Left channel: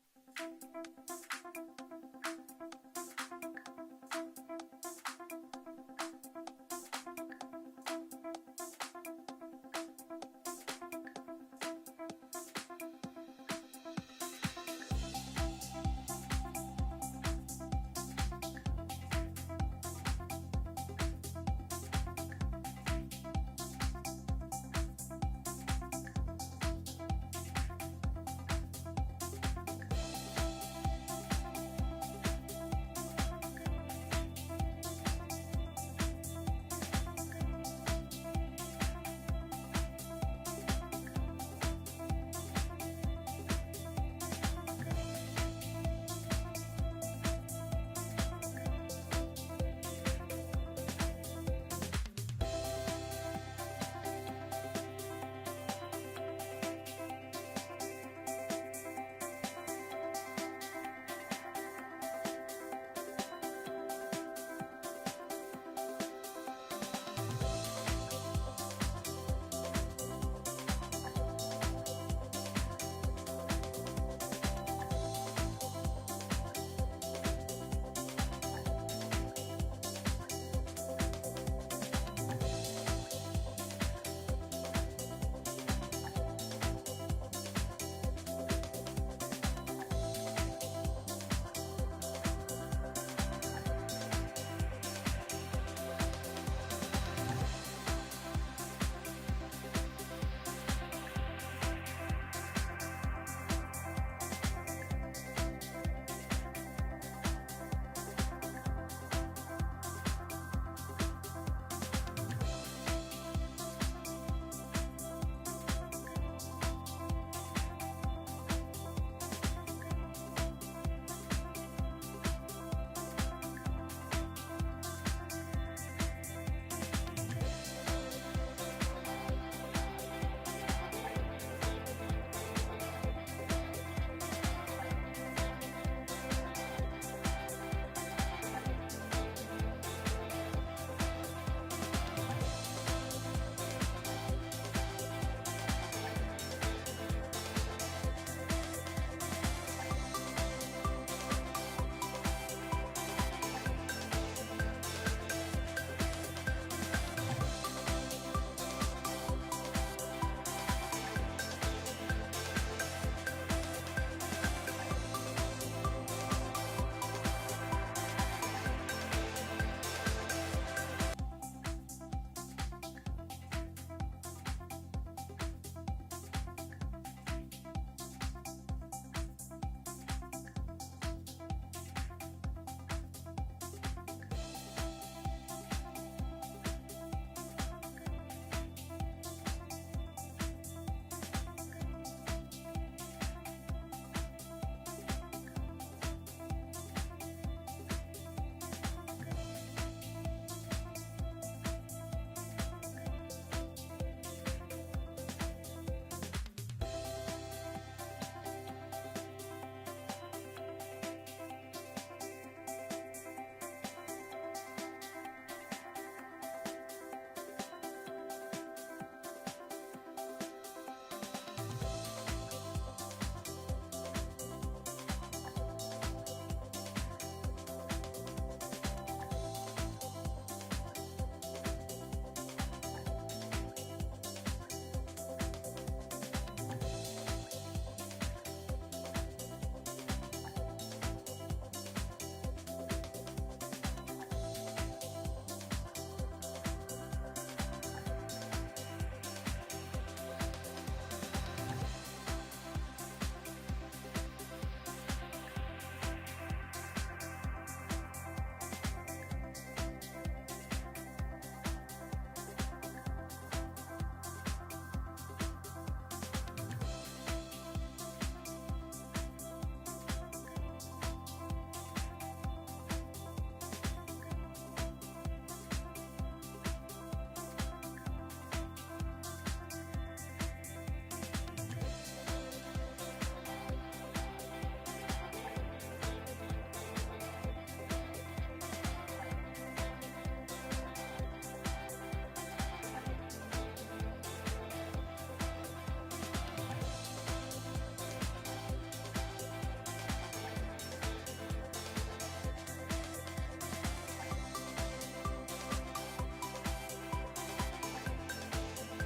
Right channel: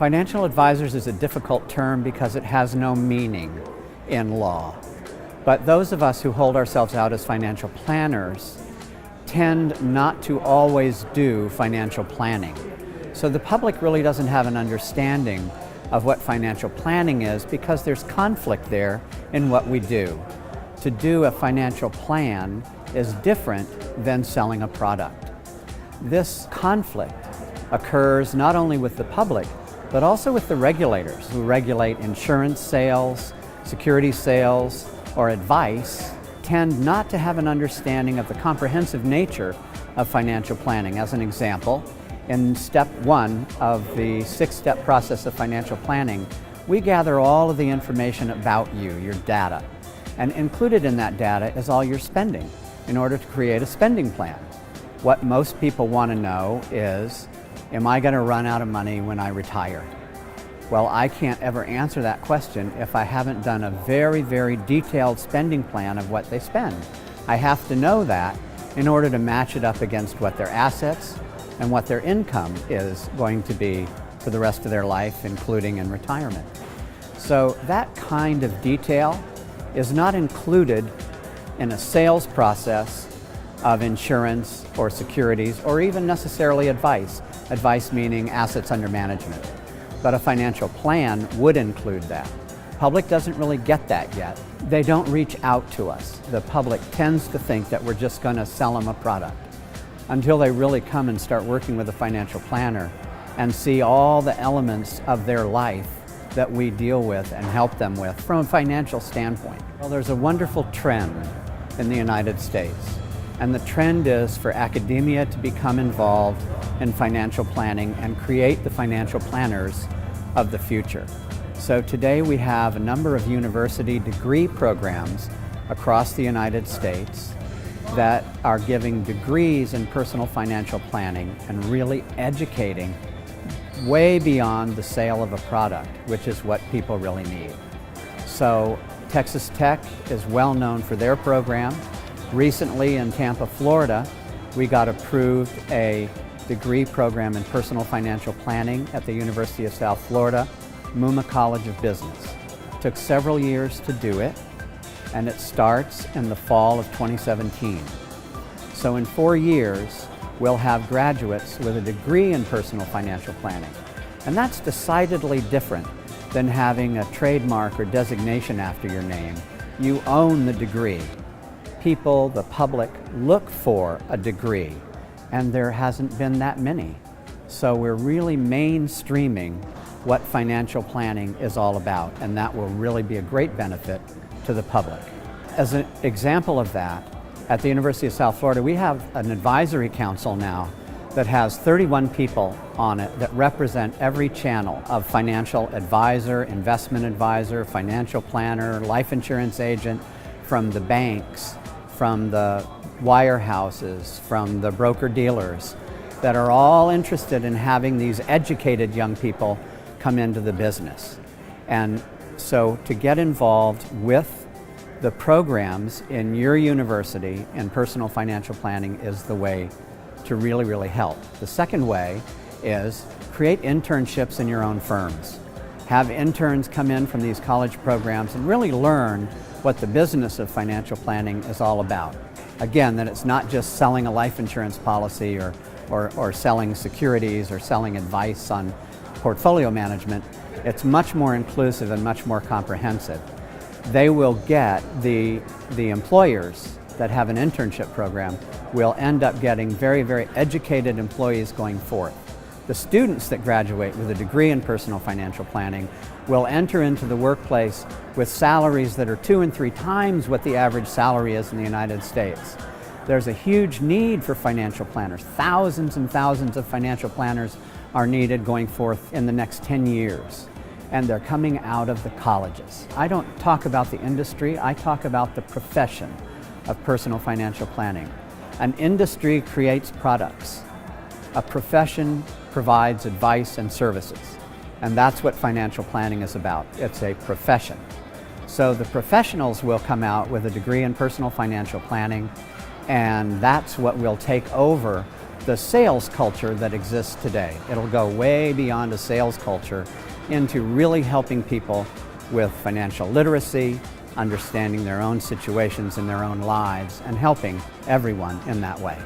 Financial advisors is a difficult term because it has no meaning in law. But those of us who hold ourselves out as financial planners tend not to always do financial planning. So the public really doesn't have an understanding of what financial planning is because there's conflict there in what we do. To do a financial plan is different than selling a product. This conflict occurs not only with the public, but also with the regulators who regulate insurance sales, security sales, or advice, tend not to have an understanding of the comprehensive nature of financial planning. As an example, in step 1 of the 6-step process of financial planning, we gather all of the information about you, your data. And included in that data is all your spending in order to create a spending plan. What most people want to know is, am I going to run out of money when I retire? Well, I can't ever answer that question if I haven't done a very, very detailed spending plan of what they spend. I have to know that in order to match it up against what their assets and what their income is going to be for the rest of their life, including in retirement. So that kind of detail is not included in a sales process of insurance or securities or even necessarily advice. Advice meaning assets under management. But a financial plan would include that. Public doesn't really get that yet. They don't reach out to us. The public tends to think that we're just going to sell them a product until they really come and start working with a financial planner and see all the elements of their life that we deal with and help them with from a financial standpoint. Well, there's a wonderful trend in the United States, and the trend is for academia to become involved in financial planning and create the financial planners of the future. So today we have a number of university degree programs across the United States that are giving degrees in personal financial planning and really educating way beyond the sale of a product, which is what people really need. So Texas Tech is well known for their program. Recently in Tampa, Florida, we got approved a degree program in personal financial planning at the University of South Florida, Mumma College of Business. It took several years to do it, and it starts in the fall of 2017. So in 4 years, we'll have graduates with a degree in personal financial planning. And that's decidedly different than having a trademark or designation after your name. You own the degree. People, the public, look for a degree, and there hasn't been that many. So we're really mainstreaming what financial planning is all about, and that will really be a great benefit to the public. As an example of that, at the University of South Florida, we have an advisory council now that has 31 people on it that represent every channel of financial advisor, investment advisor, financial planner, life insurance agent, from the banks, from the wirehouses, from the broker-dealers, that are all interested in having these educated young people come into the business. And so to get involved with the programs in your university in personal financial planning is the way to really, really help. The second way is create internships in your own firms. Have interns come in from these college programs and really learn what the business of financial planning is all about. Again, that it's not just selling a life insurance policy or selling securities or selling advice on portfolio management. It's much more inclusive and much more comprehensive. They will get the employers that have an internship program will end up getting very, very educated employees going forth. The students that graduate with a degree in personal financial planning will enter into the workplace with salaries that are 2 and 3 times what the average salary is in the United States. There's a huge need for financial planners. Thousands and thousands of financial planners are needed going forth in the next 10 years. And they're coming out of the colleges. I don't talk about the industry, I talk about the profession of personal financial planning. An industry creates products. A profession provides advice and services. And that's what financial planning is about. It's a profession. So the professionals will come out with a degree in personal financial planning, and that's what will take over the sales culture that exists today. It'll go way beyond a sales culture into really helping people with financial literacy, understanding their own situations in their own lives, and helping everyone in that way.